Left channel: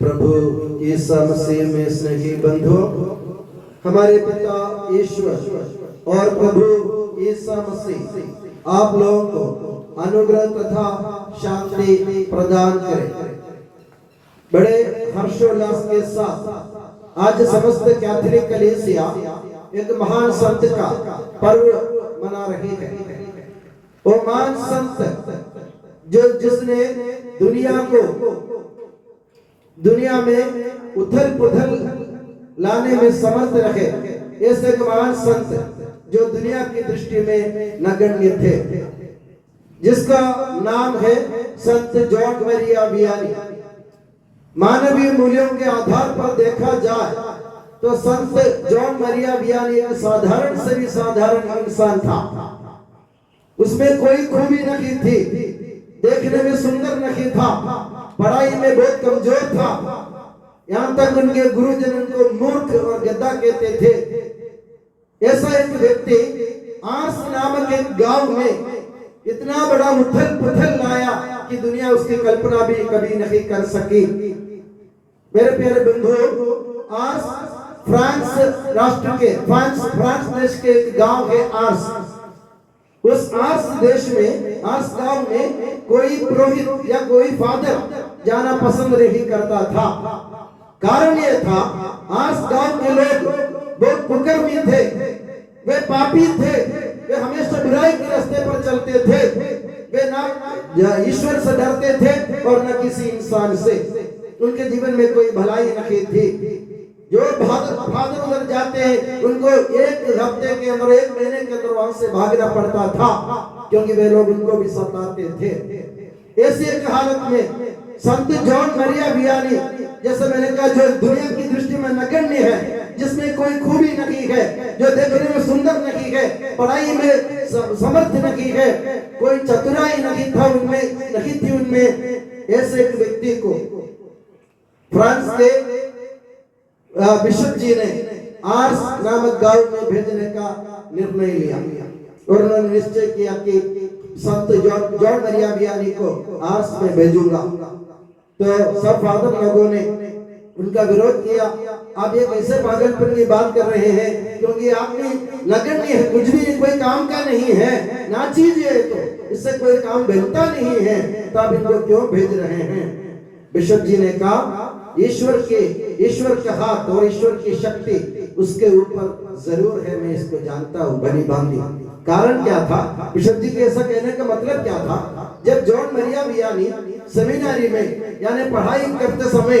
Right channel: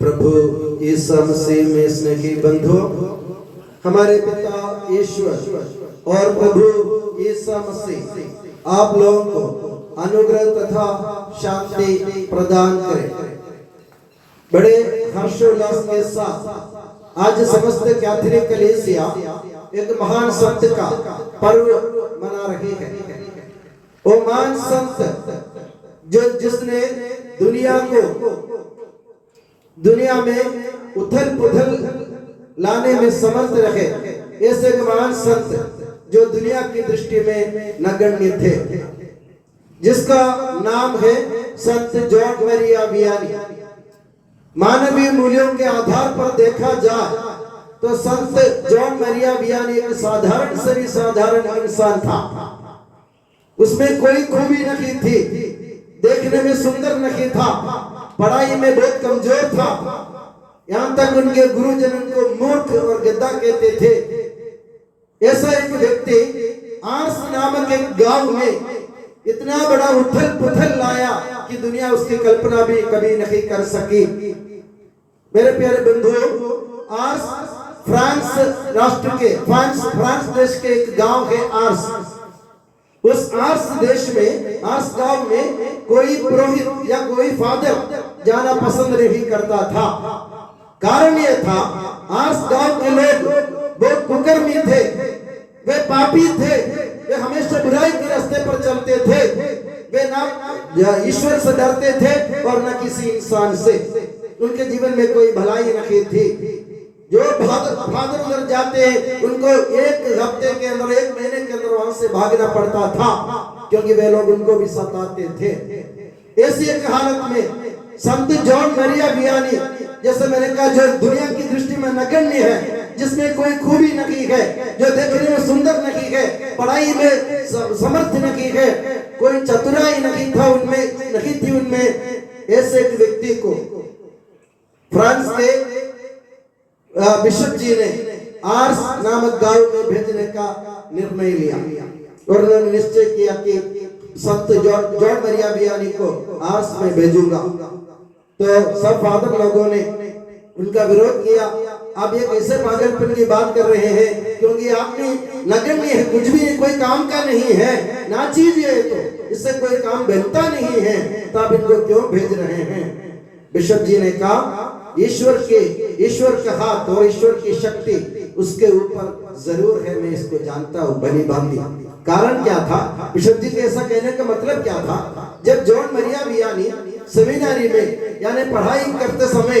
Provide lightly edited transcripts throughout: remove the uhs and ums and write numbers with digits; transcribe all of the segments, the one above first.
प्रभु यीशु मसीह में स्नेही बंधु, हमारे पिता ईश्वर और प्रभु यीशु मसीह आप लोगों को अनुग्रह तथा शांति प्रदान करे। बड़े हर्षोल्लास के साथ आज समस्त कैथोलिक कलीसिया एक महान संत का पर्व मना रही है। वो महान संत जिसने दुनिया में उथल पुथल लाने में समर्थ रहे, ऐसे एक महान संत जो दुनिया की दृष्टि में नगण्य थे, जिसका नाम है संत जॉन मरिया वियानी। मानवीय मूल्यों के आधार पर देखा जाए तो संत जॉन मरिया वियानी एक साधारण से भी साधारण इंसान था। उसमें कोई खूबी नहीं थी, देखने में सुंदर नहीं था, पढ़ाई में बहुत कमजोर था। यहाँ तक उनके गुरुजन उनको मूर्ख और गद्दा कहते थे। ऐसा एक व्यक्ति आर्स नामक एक गांव में इतना बड़ा उथल पुथल लाया कि दुनिया उसकी कल्पना भी कभी नहीं कर सकी। मेरे प्यारे बंधुओं, आर्स फ्रांस राष्ट्र के फ्रांस देश के एक गांव है आर्स। उस आर्स देश में, आर्स गांव में कोई पुरोहित या कोई फादर जाना पसंद नहीं करता था। कारण यह था, आर्स गांव के लोग बहुत कुकर्मी थे, वे पापी थे, वे हमेशा बुराई के रास्ते पर चलते थे, वे ना ईश्वर से डरते थे और न किसी इंसान से। उनके जीवन में कोई भलाई नहीं थी। जो फादर उधर जाते हैं उनको एक हफ्ते के अंदर, एक महीने के अंदर वहां से भागना पड़ता था, क्योंकि वे लोग उनको भी सताते थे। ऐसी एक हालत में संत जॉन मरिया वियानी, जैसे मैंने कहा, जो दुनिया की दृष्टि में नगण्य है, जिसमें कोई खूबी नहीं है, जो देखने में सुंदर नहीं है, पढ़ाई में समर्थ नहीं है, कोई चतुराई नहीं था उनमें, नहीं थी उनमें, ऐसे एक व्यक्ति को फ्रांस के बिशप जी ने आर्स नामक गांव में भेजने का निर्णय लिया और उन्होंने निश्चय किया कि संत जॉन मरिया वियानी को आर्स में भेजूंगा। तो सब फादर लोगों ने उनका विरोध किया। आप ये कैसे पागलपन की बात कर रहे हैं, क्योंकि आपने नगण्य है, कुछ भी कोई काम का नहीं है, ना चीज है, तो इससे कोई काम बनता नहीं है, तो आप इनको क्यों भेज रहे हैं? बिशप जी ने कहा, ईश्वर का हाथ और ईश्वर की शक्ति उसके ऊपर जरूर है, मैं इसको जानता हूँ भली भांति। कारण क्या था? बिशप जी के ऐसा कहने का मतलब क्या था? जब जॉन मरिया वियानी सेमिनारी में यानी पढ़ाई करते समय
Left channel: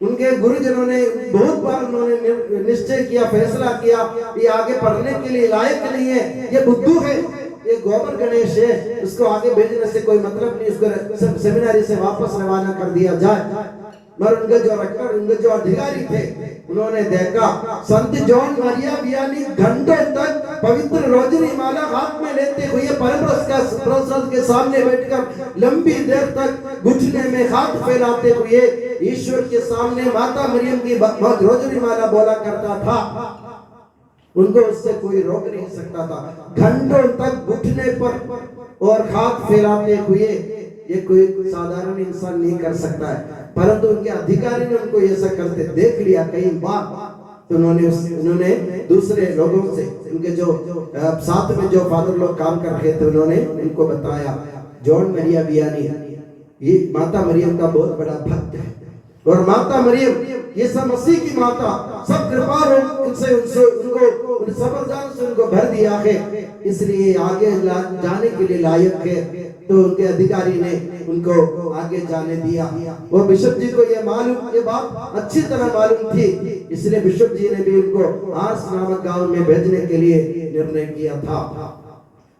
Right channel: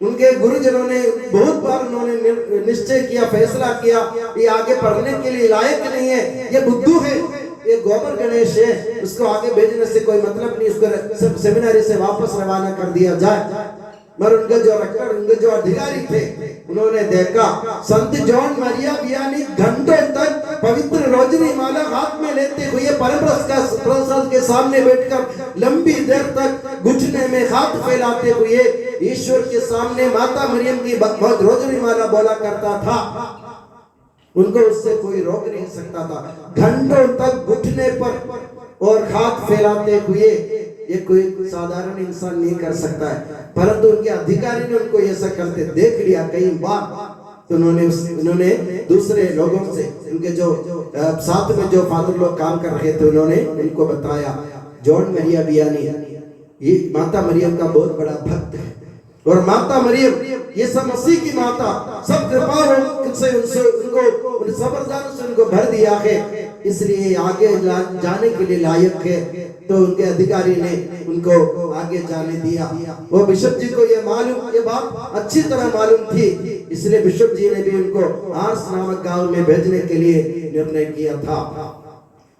उनके गुरुजनों ने बहुत बार उन्होंने निश्चय किया, फैसला किया, ये आगे पढ़ने के लिए लायक नहीं है, ये बुद्धू है, ये गोबर गणेश है, उसको आगे भेजने से कोई मतलब नहीं, इसको सेमिनारी से वापस रवाना कर दिया जाए। मगर उनके जो रेक्टर, उनके जो अधिकारी थे, उन्होंने देखा संत जॉन मरिया वियानी घंटों तक पवित्र रोजनी माला हाथ में लेते हुए परमप्रसाद के सामने बैठकर लंबी देर तक घुटने में हाथ फैलाते हुए ईश्वर के सामने माता मरियम की रोजनी माला बोला करता था। उनको उससे कोई रोक नहीं सकता था। घंटों तक घुटने पर और हाथ फैलाते हुए ये कोई साधारण इंसान नहीं कर सकता है, परंतु उनके अधिकारी ने उनको ऐसा करते देख लिया कई बार। तो उन्होंने दूसरे लोगों से, उनके जो साथ में जो फादर लोग काम कर रहे थे, उन्होंने उनको बताया, जॉन मरिया वियानी ये माता मरियम का बहुत बड़ा भक्त है, और माता मरियम ये सब मसीह की माता, सब कृपा उनसे उनको सबरदान से उनको भर दिया है, इसलिए आगे जाने के लिए लायक है। तो उनके अधिकारी ने उनको आगे जाने दिया। वो बिशप जी को ये बात अच्छी तरह मालूम थी, इसलिए बिशप जी ने भी उनको आर्स नामक गांव में भेजने के लिए निर्णय किया था।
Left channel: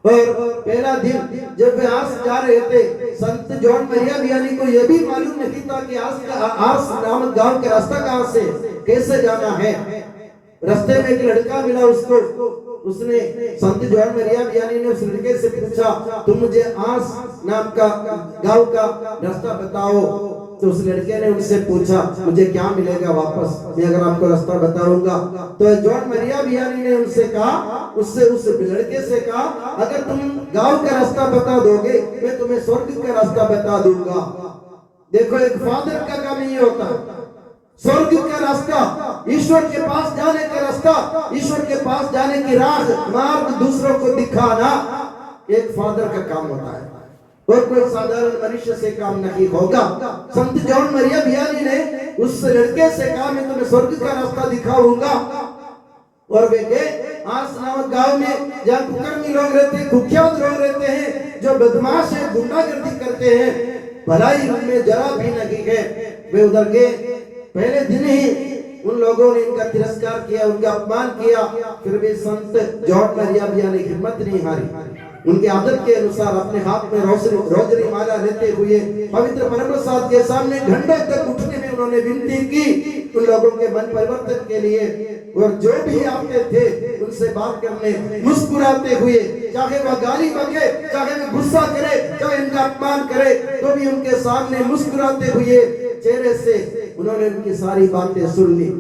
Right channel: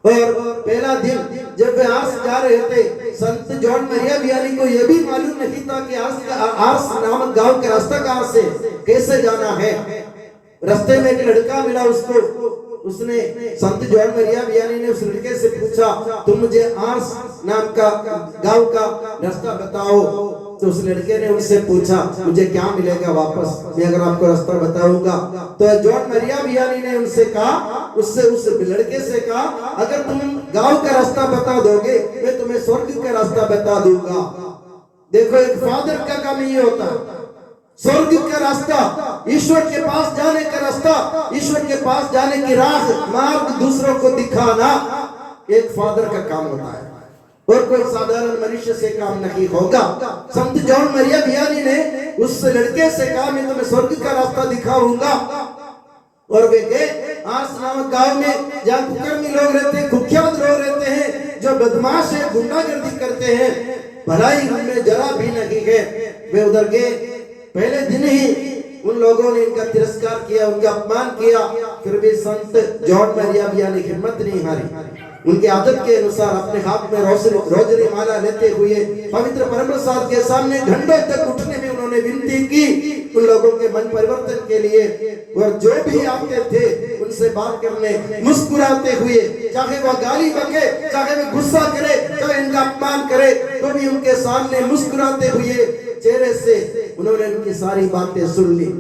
और पहला दिन जब वे आर्स जा रहे थे, संत जॉन मरिया वियानी को यह भी मालूम नहीं था कि आर्स नामक गांव का रास्ता कहां से कैसे जाना है। रास्ते में एक लड़का मिला उसको, उसने संत जॉन मरिया वियानी ने उस लड़के से पूछा, तुम मुझे आर्स नाम का गांव का रास्ता बताओ। तो उस लड़के ने उनसे पूछा, मुझे क्या मिलेगा वापस, मैं अगर आपको रास्ता बताऊंगा? तो जॉन मरिया वियानी ने उनसे कहा, उस लड़के से कहा, अगर तुम गांव का रास्ता बता दोगे, मैं तुम्हें स्वर्ग का रास्ता बता दूंगा। देखो एक फादर का काम ये होता है, स्वर्ग का रास्ता, ईश्वर के पास जाने का रास्ता, ईश्वर के पास जाने की राह मार्ग दूसरों को दिखाना एक फादर का काम होता है, और कोई साधारण मनुष्य से काम नहीं होगा। संत जॉन मरिया वियानी ने उस लड़के से कहा मैं तुम्हें स्वर्ग का रास्ता दिखाऊंगा, और वे गए आर्स नामक गांव में जहाँ कुकर्मी लोग रहते हैं, कुख्यात लोग रहते हैं, जो बदमाश है, गुंडागर्दी करते हैं, भलाई उनमें जरा भी नहीं है। वे उधर गए, पहले दिन ही उन लोगों ने इनका तिरस्कार किया, उनका अपमान किया, फिर भी संत जॉन मरिया वियानी हिम्मत नहीं हारी। उनके आदत के अनुसार अपने हाथ में रोजरी माला लेते हुए पवित्र परमप्रसाद के सामने घंटों तक उठने में उन्होंने विनती की उन लोगों के मन परिवर्तन के लिए। और जो भी आते थे उनसे बात करने, मुस्कुराते हुए, चाहे वह गाली बके, चाहे वह गुस्सा करे, चाहे इनका अपमान करे, तो भी उनके सामने मुस्कुराते हुए चेहरे से उन्होंने उनकी सारी बातें सुन ली।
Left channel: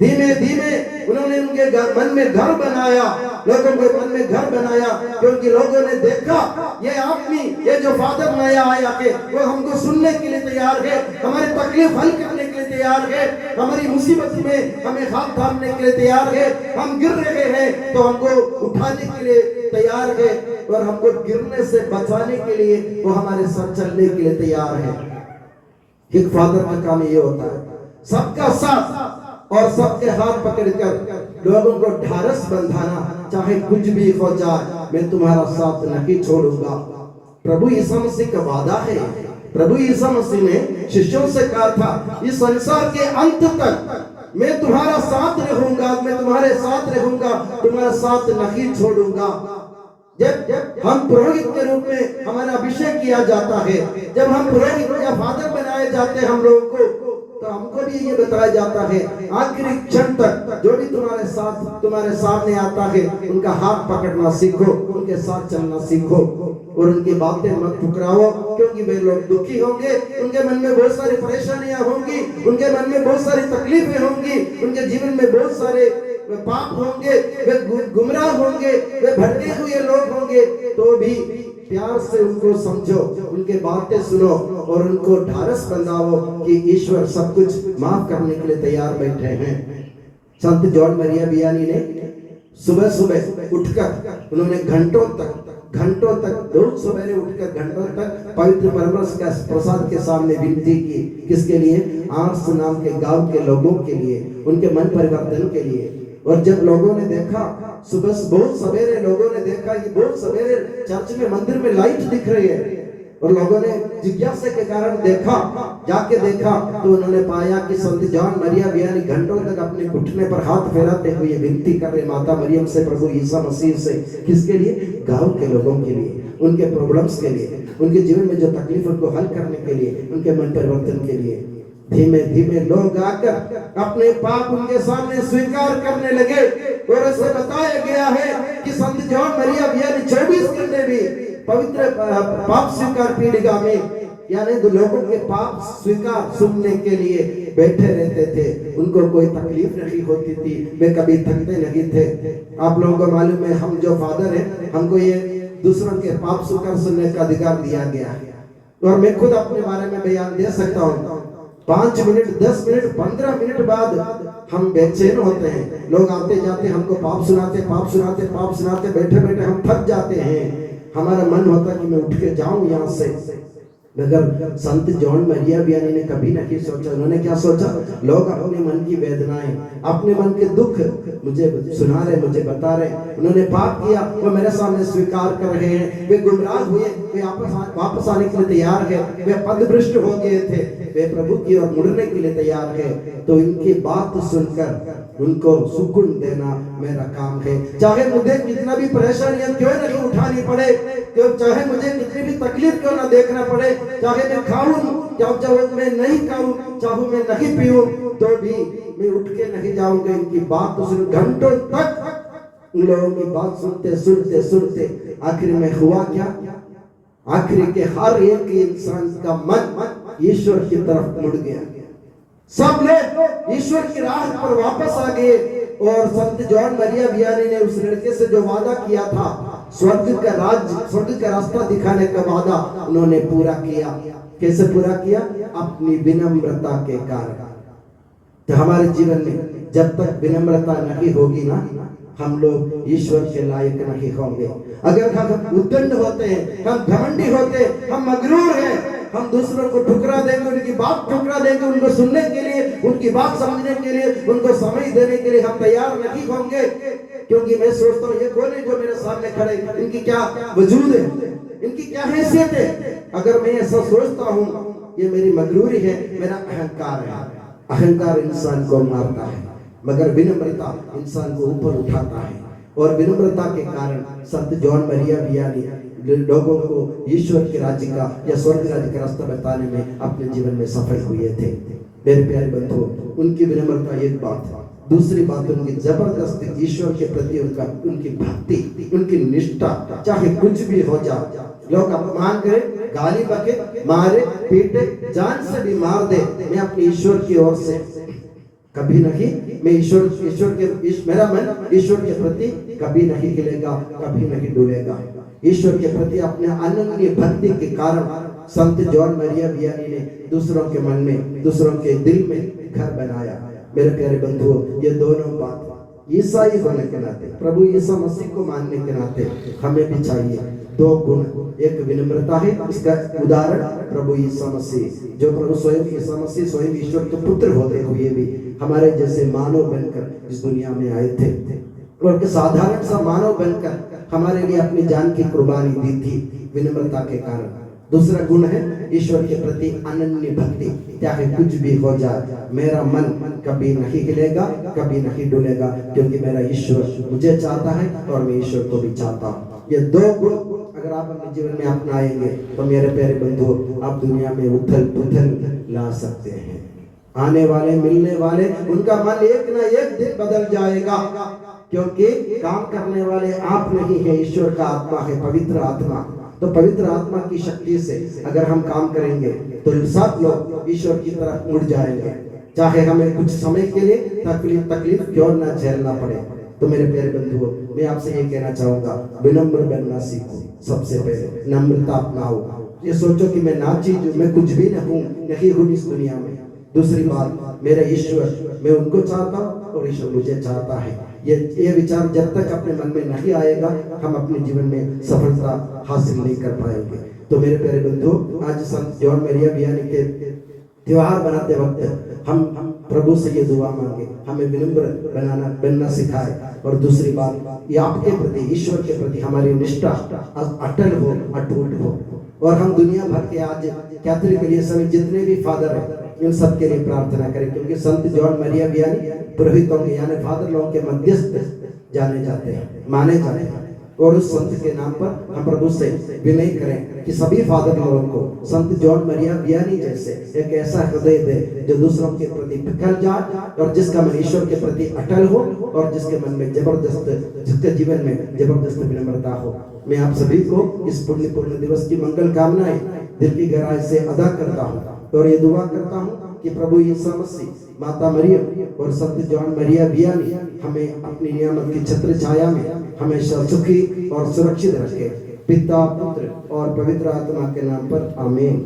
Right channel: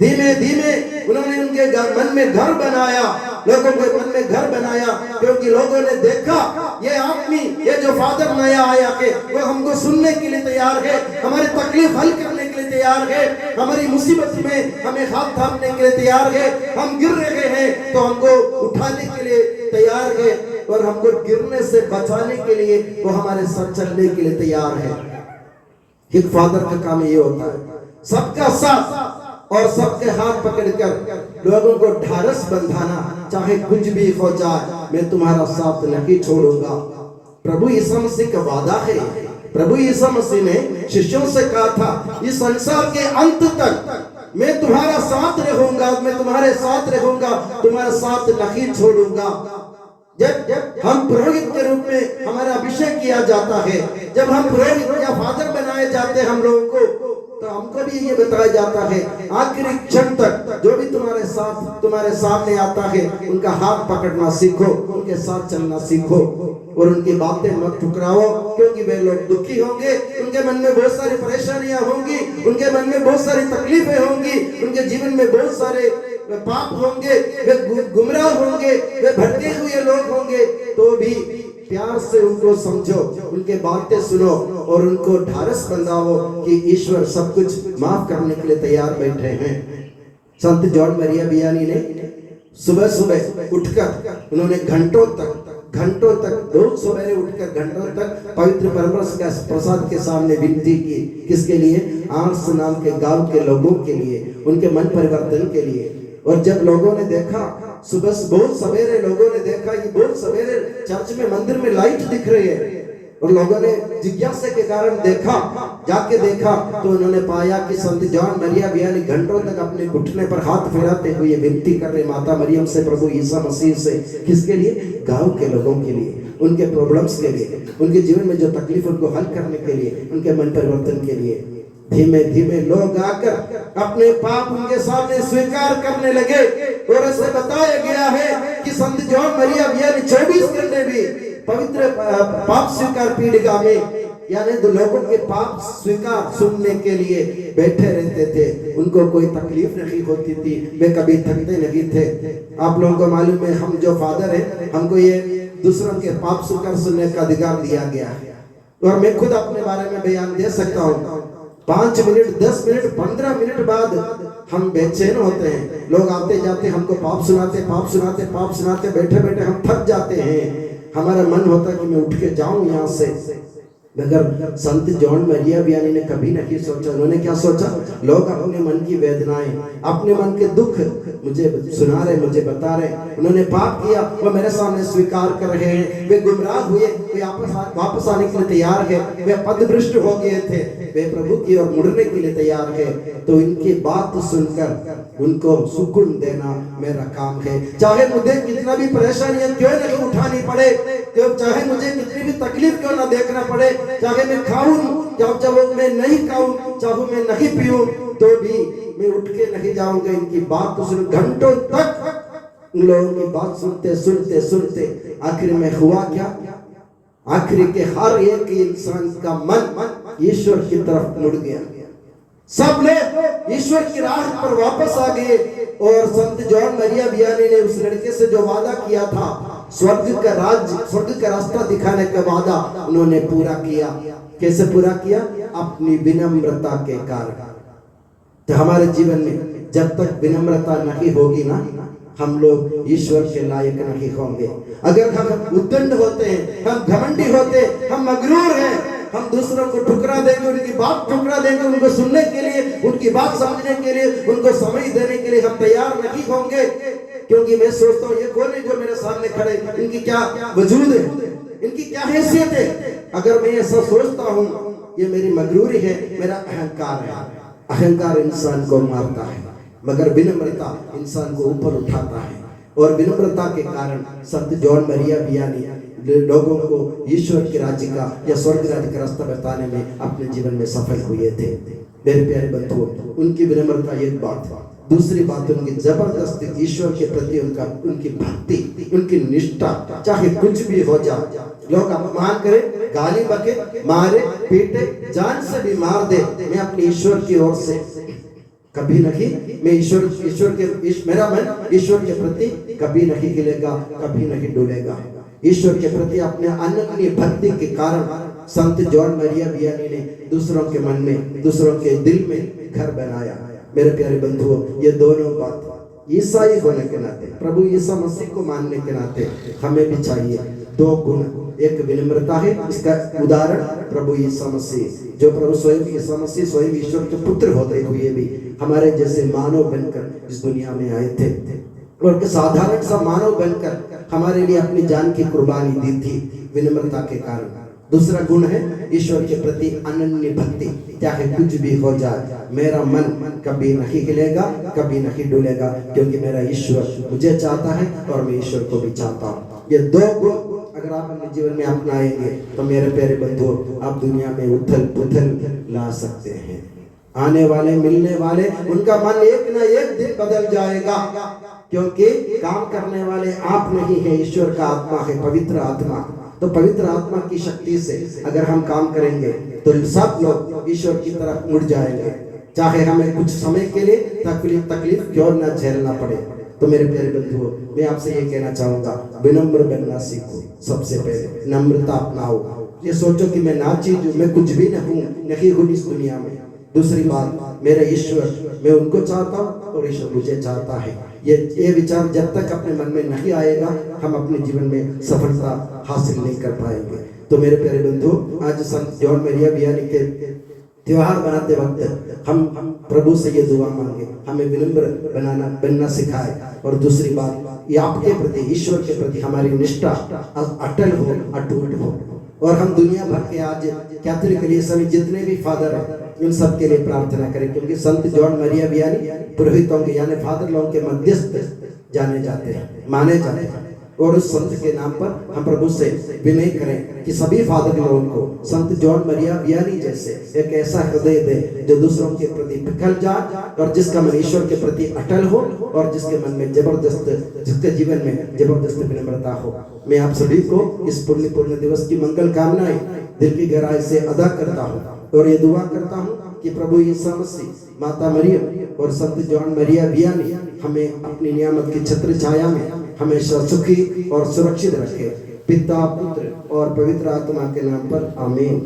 धीमे धीमे उन्होंने उनके मन में घर बनाया, लोगों के मन में घर बनाया, क्योंकि लोगों ने देखा ये आदमी, ये जो फादर नया आया है, वो हमको सुनने के लिए तैयार है, हमारी तकलीफ हल करने के लिए तैयार है, हमारी मुसीबत में हमें हाथ थामने के लिए तैयार है, हम गिर रहे हैं तो हमको उठाने के लिए तैयार है, और हमको गिरने से बचाने के लिए वो हमारे साथ चलने के लिए तैयार है। एक फादर का काम ये होता है, सबका साथ और सबके हाथ पकड़कर लोगों को ढारस बंधाना, चाहे कुछ भी हो जाए मैं तुम्हारा साथ नहीं छोड़ूंगा। प्रभु यीशु मसीह का वादा है, प्रभु यीशु मसीह ने शिष्यों से कहा था इस संसार के अंत तक मैं तुम्हारा साथ रहूंगा, मैं तुम्हारे साथ रहूंगा, तुम्हारा साथ नहीं छोड़ूंगा। जब हम पुरोहित के रूप में हमारा अभिषेक किया जाता है, जब हम पुरोहित या फादर बनाए जाते हैं हम लोगों को, तो हमको भी ये बताया जाता है आखिरी क्षण तक जो भी तुम्हारे साथ तुम्हारे सामने आता है उनका हाथ पकड़ना सीखो, उनके साथ चलना सीखो, और उनकी बातें मत ठुकराओ, क्योंकि वे लोग दुखी होंगे, उनके मन में बहुत सारी परेशानियां होंगी, उनके मन में बहुत सारी तकलीफें होंगी, उनके जीवन में बहुत सारे पाप होंगे, वे गुमराह होंगे, वे भटके हुए लोग होंगे, तो भी प्यार से उनको समझो, उनके बातें सुनो और उनको ढारस बंधाओ कि ईश्वर सब कुछ माफ करने के लिए तैयार बैठे हैं। संत जॉन मरिया वियानी ने सुबह सुबह उठकर उन्होंने घंटों तक बहुत सवेरे उठकर घंटों तक पवित्र प्रसाद के सामने विनती की, किसके लिए? आर्स नाम के गांव के लोगों के लिए, उनके मन परिवर्तन के लिए। और जब लोगों ने देखा, सुबह बहुत सवेरे लोगों ने देखा कि बहुत सवेरे चर्च में मंदिर में लाइट दिख रही है, और लोगों ने जिज्ञासा के कारण देखा, जाके देखा तो उन्होंने पाया कि संत जॉन मरिया वियानी घंटों तक अपने घुटने पर हाथ फेराते हुए विनती कर रहे माता मरियम से, प्रभु यीशु मसीह से। किसके लिए? गांव के लोगों के लिए, उनके प्रॉब्लम्स के लिए, उनके जीवन में जो तकलीफ उनको हल करने के लिए, उनके मन परिवर्तन के लिए। धीमे धीमे लोग आकर अपने पाप उनके सामने स्वीकार करने लगे, और ऐसे बताया गया है कि संत जॉन मरिया वियानी 24 घंटे भी पवित्र पाप स्वीकार पीढ़िका में, यानी तो लोगों के पाप स्वीकार सुनने के लिए बैठे रहते थे। उनको कोई तकलीफ नहीं होती थी, वे कभी थकते नहीं थे। आप लोगों को मालूम है, हम जो फादर हैं, हमको ये दूसरों के पाप स्वीकार सुनने का अधिकार दिया गया है, तो मैं खुद अपने बारे में बयान दे सकता हूँ। 5 मिनट, 10 मिनट, 15 मिनट बाद हम बेचैन होते हैं, लोग आते जाते हमको पाप सुनाते, बैठे बैठे हम थक जाते हैं। हमारा मन होता है कि मैं उठ के जाऊं यहाँ से, मगर संत जॉन मरिया वियानी ने कभी नहीं सोचा। उन्होंने क्या सोचा? लोग अपने मन की वेदनाएं, अपने मन के दुख मुझे सुना रहे, मुझे बता रहे। उन्होंने पाप किया, वो मेरे सामने स्वीकार कर रहे हैं। वे गुमराह हुए, वे वापस आने के लिए तैयार है, वे पदभ्रष्ट हो गए थे, वे प्रभु की ओर मुड़ने के लिए तैयार है। तो इनकी बात सुनकर उनको सुकून देना मेरा काम है। चाहे मुझे कितना भी परेशानियां क्यों नहीं उठानी पड़े, चाहे मुझे कितनी भी तकलीफ क्यों ना देखना पड़े, चाहे मैं खाऊं, चाहे मैं नहीं खाऊं, चाहे मैं नहीं पीऊं, तो भी मैं उठ के नहीं जाऊंगा। इनकी बात तो सुन, घंटों तक उन लोगों की बात सुनते आखिर में हुआ क्या? आखिर के हर एक इंसान का मन ईश्वर की तरफ मुड़ गया। सब लोग ईश्वर की राह पर वापस आ गए, और संत जॉन मरिया वियानी ने उस लड़के से जो वादा किया था स्वर्ग का रास्ता दिखाने का वादा उन्होंने पूरा किया। कैसे पूरा किया? अपनी विनम्रता के कारण। तो हमारे जीवन में जब तक विनम्रता नहीं होगी ना, हम लोग ईश्वर के लायक नहीं होंगे। अगर हम उद्दंड होते हैं, हम घमंडी होते हैं, हम मगरूर हैं, हम दूसरों को ठुकरा देंगे, उनकी बात ठुकरा देंगे, उनको सुनने के लिए, उनकी बात समझने के लिए, उनको समय देने के लिए हम तैयार नहीं होंगे। क्योंकि मैं सोचता हूँ ये कौन है जो मेरे सामने खड़े, इनकी क्या वजूद है, इनकी क्या हैसियत है। अगर मैं ऐसा सोचता हूँ, ये मेरी मगरूरी है, मेरा अहंकार है। अहंकार इंसान को मारता है, मगर विनम्रता इंसान को ऊपर उठाता है। और विनम्रता के कारण संत जॉन मरिया वियानी लोगों को ईश्वर के राज्य का या स्वर्ग राज्य का रास्ता बताने में अपने जीवन में सफल हुए थे। मेरे प्यारे बंधुओं, उनकी विनम्रता एक बात है, दूसरी बात उनकी जबरदस्ती ईश्वर के प्रति उनकी भक्ति, उनकी निष्ठा। चाहे कुछ भी हो जाए, लोग अपमान करें, गाली बके, मारे पीटे, जान से भी मार दे, मैं अपने ईश्वर की ओर से कभी नहीं, मैं मेरा मन ईश्वर के प्रति कभी नहीं हिलेगा, कभी नहीं डूबेगा। ईश्वर के प्रति अपने अनन्य भक्ति के कारण संत जॉन मरिया वियानी ने दूसरों के मन में, दूसरों के दिल में घर बनाया। मेरे प्यारे बंधुओं, ये दोनों बात ईसाई होने के नाते, प्रभु यीशु मसीह को मानने के नाते हमें भी चाहिए। दो गुण, एक विनम्रता है, इसका उदाहरण प्रभु यीशु मसीह, जो प्रभु स्वयं यीशु मसीह स्वयं ईश्वर के पुत्र होते हुए भी हमारे जैसे मानव बनकर इस दुनिया में आए थे, और साधारण सा मानव बनकर हमारे लिए अपनी जान की कुर्बानी दी थी, विनम्रता के कारण। दूसरा गुण है ईश्वर के प्रति अनन्य भक्ति। चाहे कुछ भी हो जाए, मेरा मन कभी नहीं हिलेगा, कभी नहीं डुलेगा, क्योंकि मेरा ईश्वर मुझे चाहता है और मैं ईश्वर को भी चाहता हूँ। ये दो गुण अगर आप अपने जीवन में अपनाएंगे तो मेरे प्यारे बंधुओं, आप दुनिया में उथल पुथल ला सकते हैं। आने वाले, मिलने वाले, उनका मन एक ना एक दिन बदल जाएगा, क्योंकि काम करने वाले आप नहीं है, ईश्वर का आत्मा है, पवित्र आत्मा। तो पवित्र आत्मा की शक्ति से अगर हम काम करेंगे तो सब लोग ईश्वर की तरफ मुड़ जाएंगे, चाहे हमें कुछ समय के लिए तकलीफ क्यों ना झेलना पड़े। तो मेरे प्यारे बंधुओं, मैं आपसे ये कहना चाहूंगा, विनम्र बनना सीखो। सबसे पहले नम्रता अपनाओ। ये सोचो कि मैं ना चीज हूँ, मैं कुछ भी नहीं हूँ इस दुनिया में। दूसरी बात, मेरा ईश्वर, मैं उनको चाहता हूँ और ईश्वर मुझे चाहता है। ये विचार जब तक अपने मन में नहीं आएगा, हम अपने जीवन में सफलता हासिल नहीं कर पाएंगे। तो मेरे प्यारे बंधुओं, आज संत जॉन मरिया वियानी के त्योहार बनाते वक्त हम प्रभु से ये दुआ मांगे, हमें विनम्र बनना सिखाए। और दूसरी बात, ये आपके प्रति, ईश्वर के प्रति हमारी निष्ठा अटल हो, अटूट हो। और हम दुनिया भर के आज कैथोलिक के लिए सभी जितने भी फादर हैं, इन सब के लिए प्रार्थना करें, क्योंकि संत जॉन मरिया वियानी पुरोहितों के यानी फादर लोगों के मध्यस्थ जाने जाते हैं, माने जाते हैं। और उस संत के नाम पर हम प्रभु से विनय करें कि सभी फादर लोगों को संत जॉन मरिया वियानी जैसे एक ऐसा हृदय दे जो दूसरों के प्रति पिघल जाए, और जिसका मन ईश्वर के प्रति अटल हो, और जिसके मन में जिसके जीवन में जबरदस्त विनम्रता हो। मैं आप सभी को इस पुण्य दिवस की मंगल कामनाएं दिल की गहराई से अदा करता हूँ, और ये दुआ करता हूँ कि प्रभु यीशु मसीह, माता मरियम और संत जॉन मरिया वियानी हमें अपनी नियामत की छत्र छाया में हमेशा सुखी और सुरक्षित रखे। पिता, पुत्र और पवित्र आत्मा के नाम पर आमीन।